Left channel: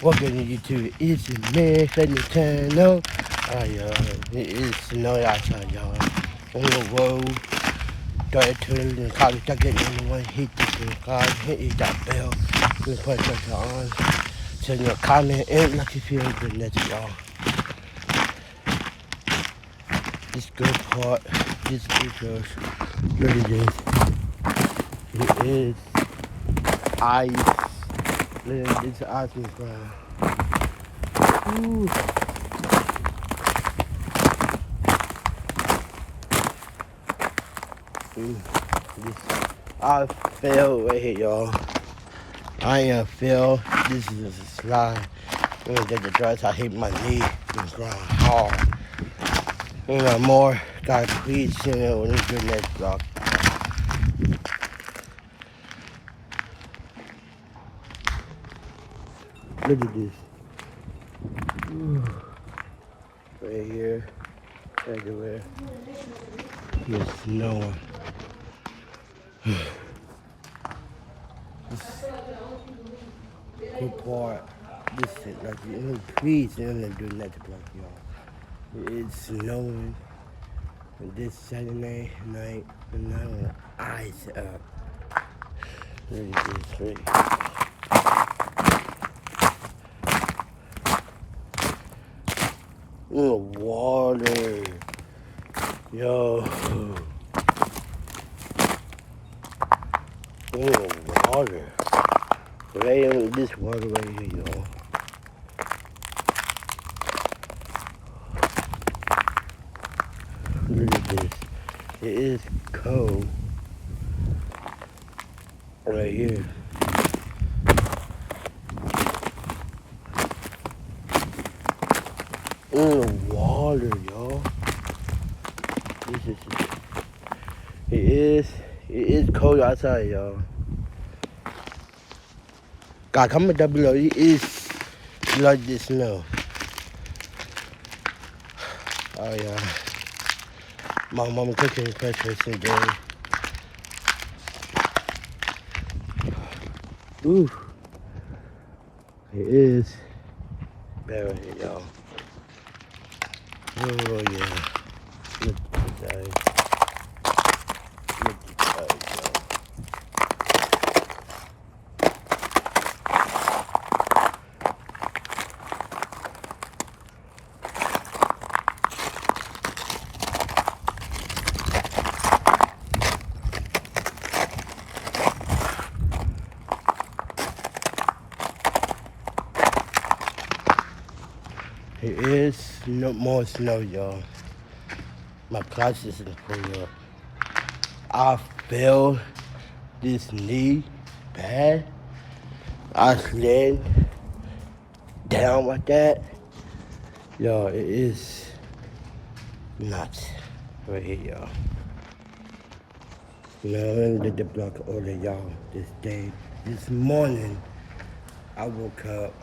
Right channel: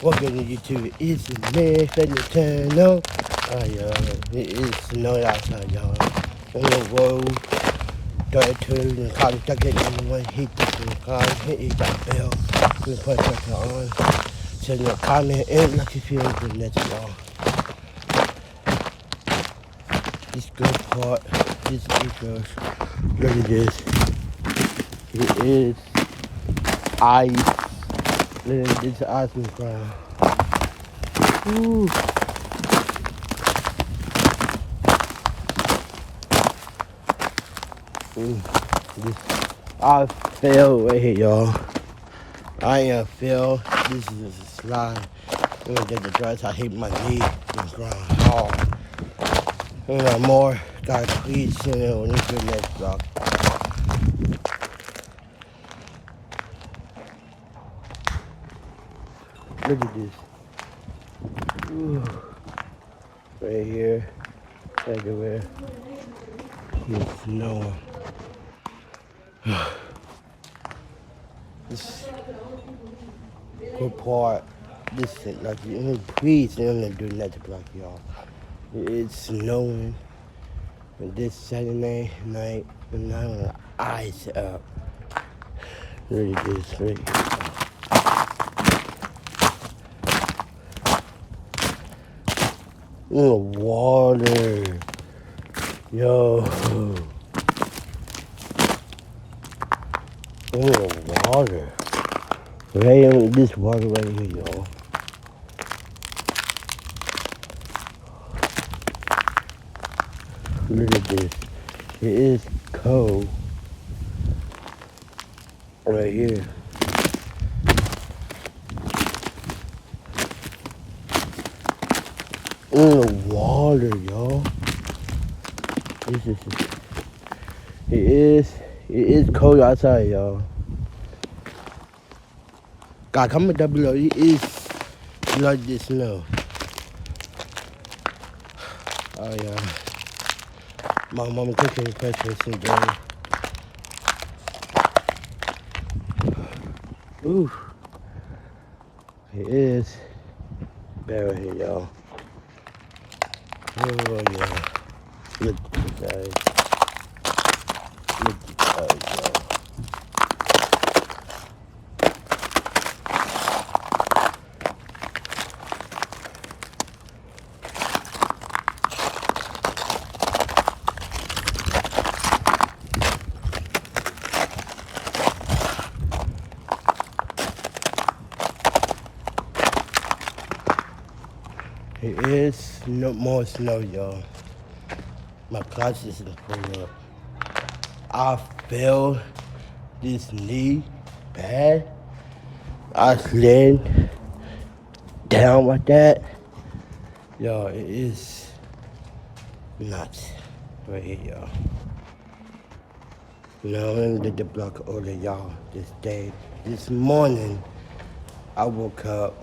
Welcome you to the Easy Man Fitness Channel. It is snowing outside, y'all. On the road, started turning the car, stuck it on the one, hit the car, hit that bell, we put pressure on. So your comment and like if you're the next y'all. This good part, this is just, look at this. It is ice. Look at this ice on the ground. Ooh. I fell right here, y'all. I am fell. This is just a slide. I'm gonna get the drugs. I hit my knee. It's going hard. More. Gotta please send it when it's the next block. Look at this. Ooh. Right here. Everywhere. It's snowing. This good part. This is like please send it to the next block, y'all. It's snowing. And this Saturday night, and I'm gonna ice up. Look at this, right? In the water. Yo. In the water. Right in this water right here, y'all. Look at this. It is cold. Right here. In the water, y'all. It is cold outside, y'all. God, comment down below. It is like this snow. Oh yeah. My mama cooking breakfast today. Ooh. It is better here, y'all. Oh yeah. Good day. It is no more snow, y'all. My clutch is gonna pull up. I fell this knee bad. I slid down like that. Y'all, it is nuts right here, y'all. Now I'm gonna get the block order, y'all, this day. This morning, I woke up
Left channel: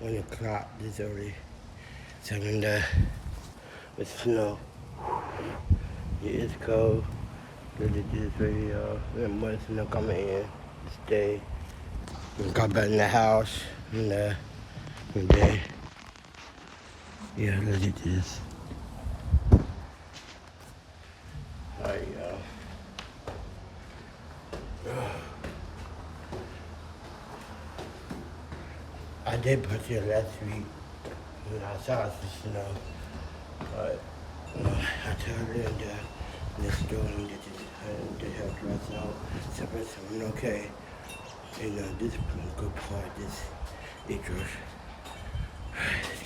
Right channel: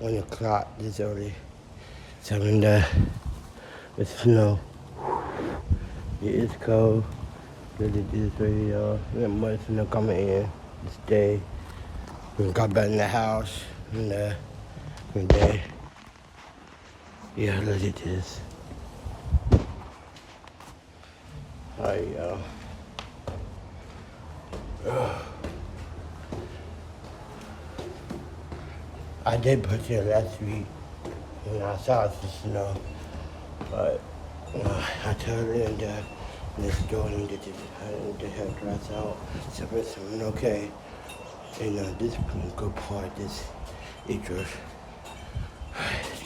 1 o'clock this early. So in there, it's snow. It is cold. Look at this right here, y'all. We have much snow coming in this day. We got back in the house and there. Yeah, look at this. Alright, y'all. I did put here last week and I saw some snow, but I told them that let's go and get the hair dress out. So it's okay. And this is a good part, this acres. Let's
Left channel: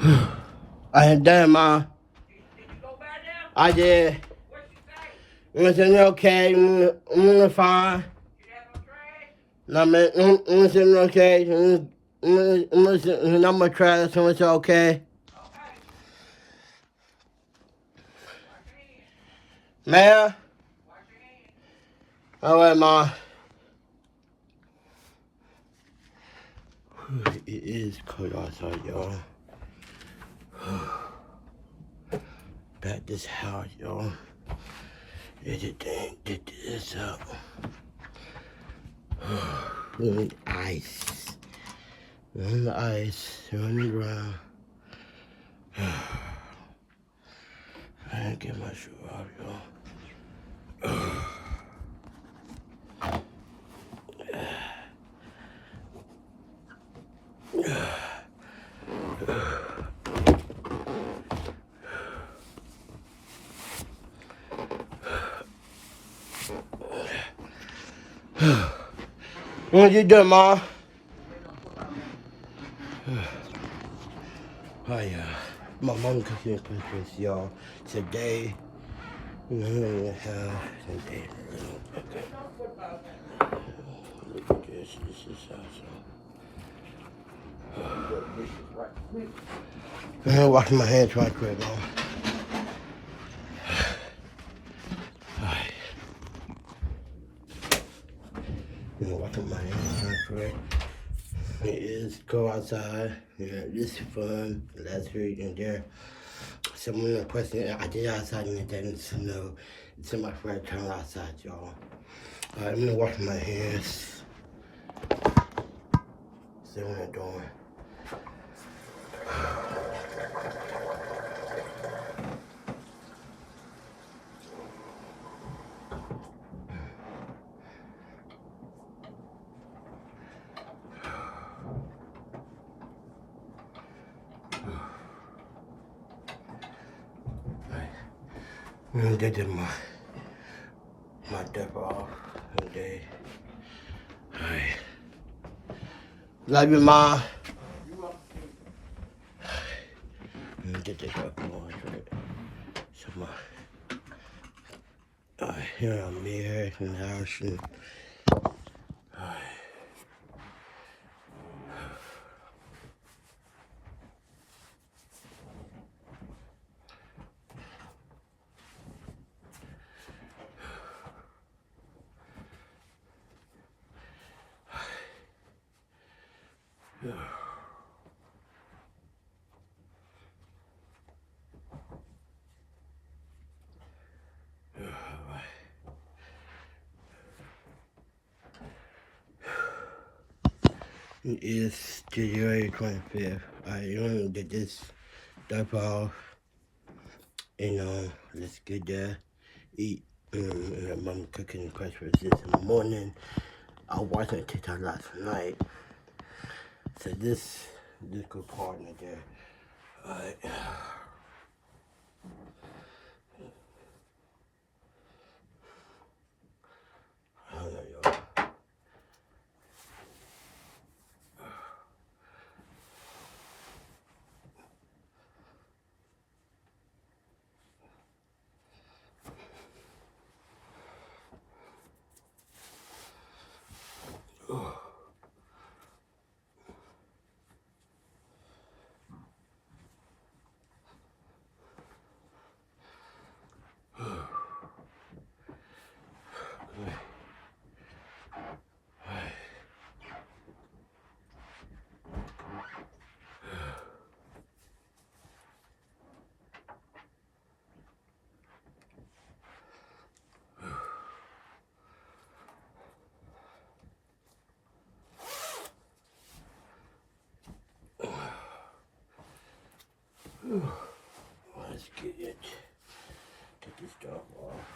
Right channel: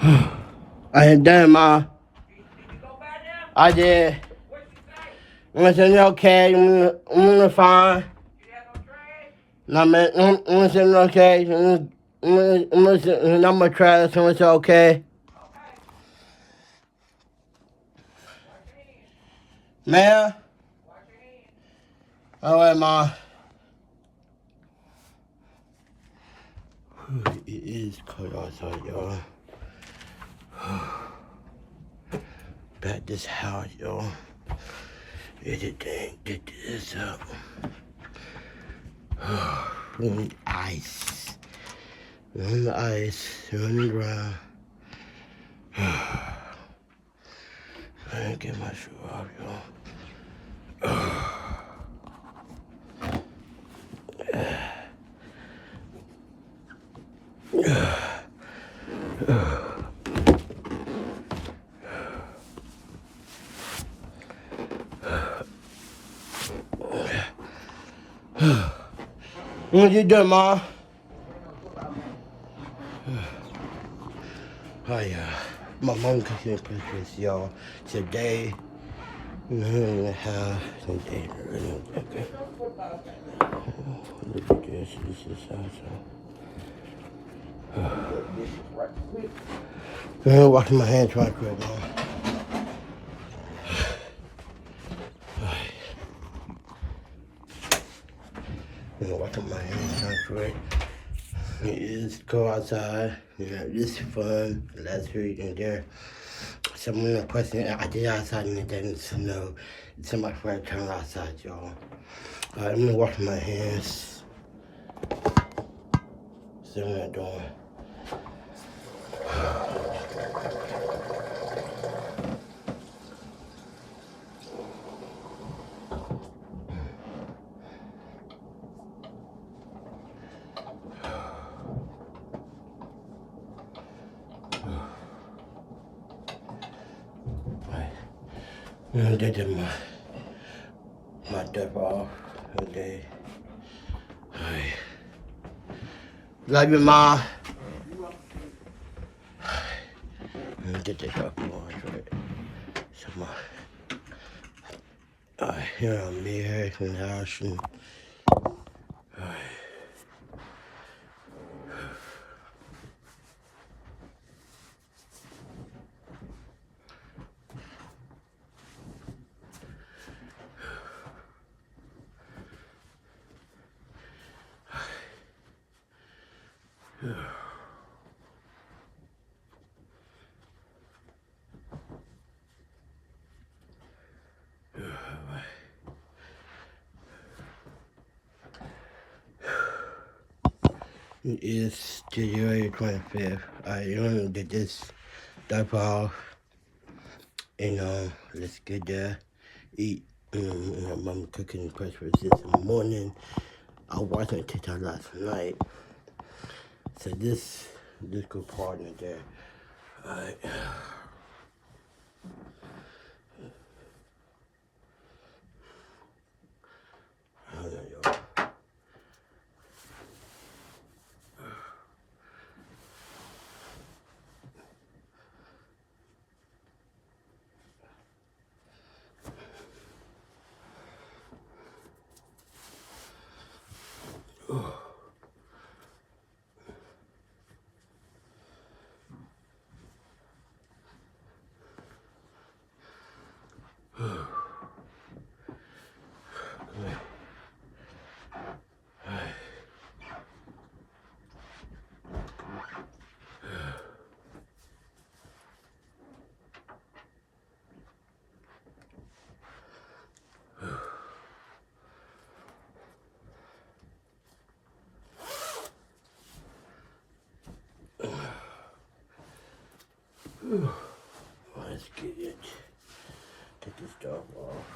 go. I ain't done, Ma. I did. I'm saying okay, I'm gonna fine. No, man, I'm saying okay. I'm gonna try this, so it's okay. Mayor? Alright, Ma. It is cold outside, y'all. Back this house, y'all. Get this up. Ice. On the ice, running around. I didn't get my shoe off, y'all. What you doing, Ma? Oh yeah, my mom cooking breakfast, y'all. Today, we're gonna have some day. Look at this. This is awesome. I'm gonna wash my hands right quick, Mom. Alright. I'm gonna wash my hands right quick. It is go outside. Yeah, this is fun. Last week and there. Someone requested I did outside and it didn't snow. It's my first time outside, y'all. Alright, I'm gonna wash my hands. See what I'm doing. I'm gonna get my dip off today. Alright. Love you, Ma. I'm gonna get this off more, right? So here I'm here in the house. Alright. It is January 25th. I want to get this stuff off. And let's get there. Eat. Mom cooking breakfast this morning. I was watching TikTok last night. So this good partner there. Alright. I don't know, y'all. Let's get it. Take this stuff off.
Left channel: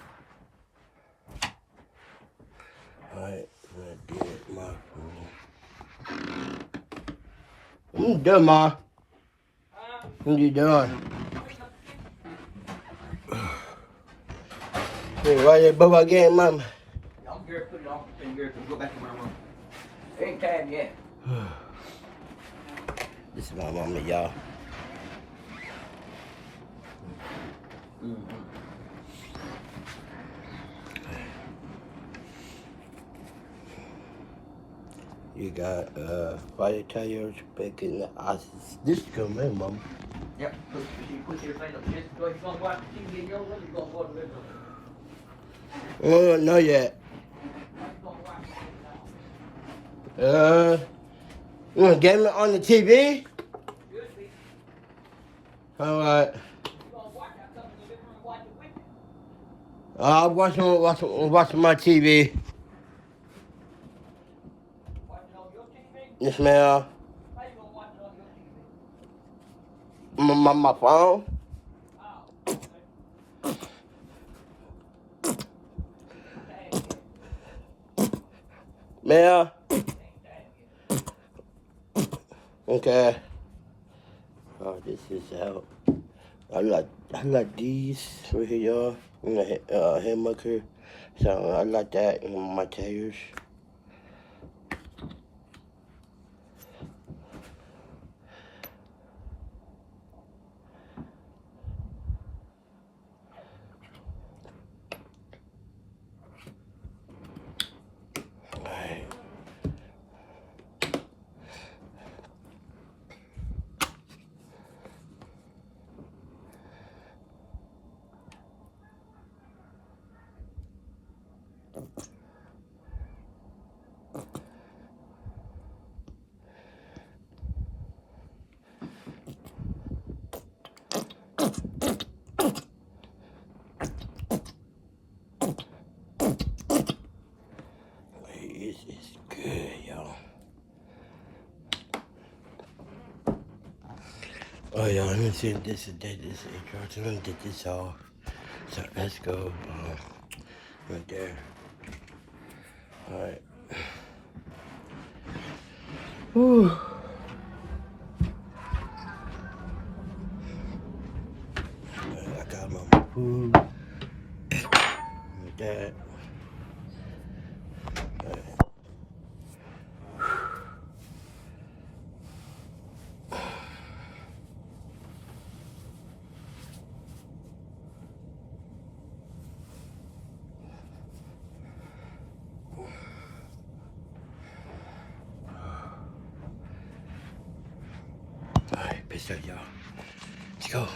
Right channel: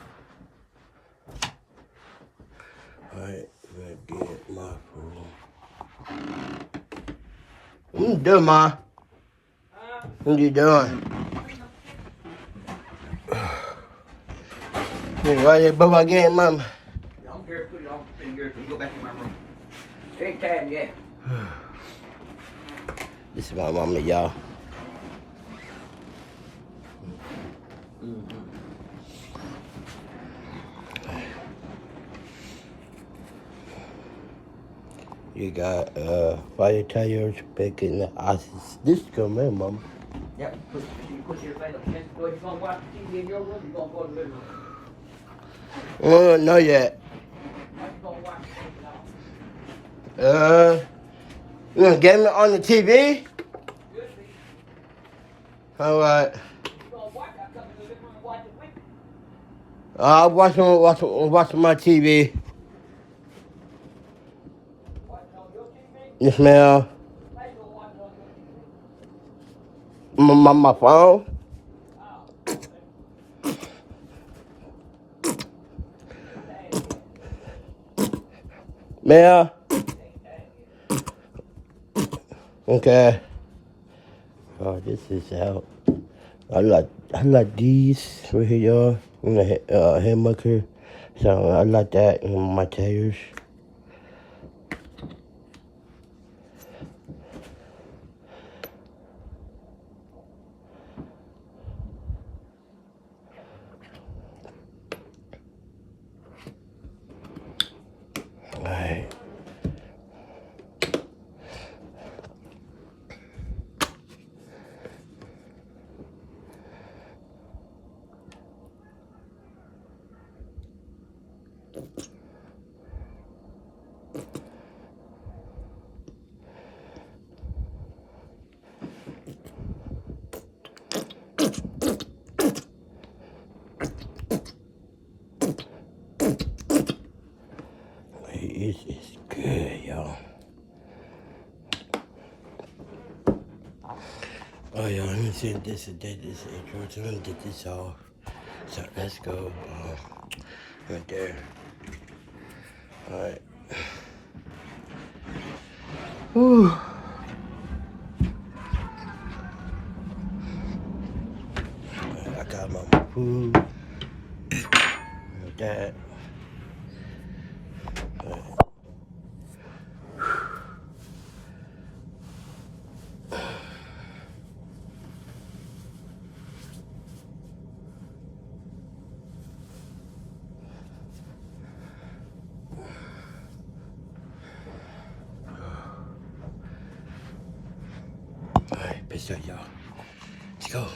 Alright, I'm gonna get my phone. What you doing, Ma? What you doing? Hey, why you above again, Mom? I'm here, put it on, and here, go back to my room. Anytime, yeah. This is my mama, y'all. You got fire tires, bacon, ices. This is coming, Mama. Yeah, put your thing up. Just go ahead and watch TV in your room, you're going to go to the room. Oh, not yet. You gonna get me on the TV? Alright. I'm watching my TV. Yes, ma'am. My phone? Ma'am? Okay. Oh, this is out. I like these right here, y'all. In the hamburger. So I like that in my tires. Alright. It is good, y'all. Oh, yeah, let me see if this is dead. This is I'm gonna get this off. So let's go. Right there. Alright. Whew. I got my food. Like that. Alright, peace out, y'all. Let's go.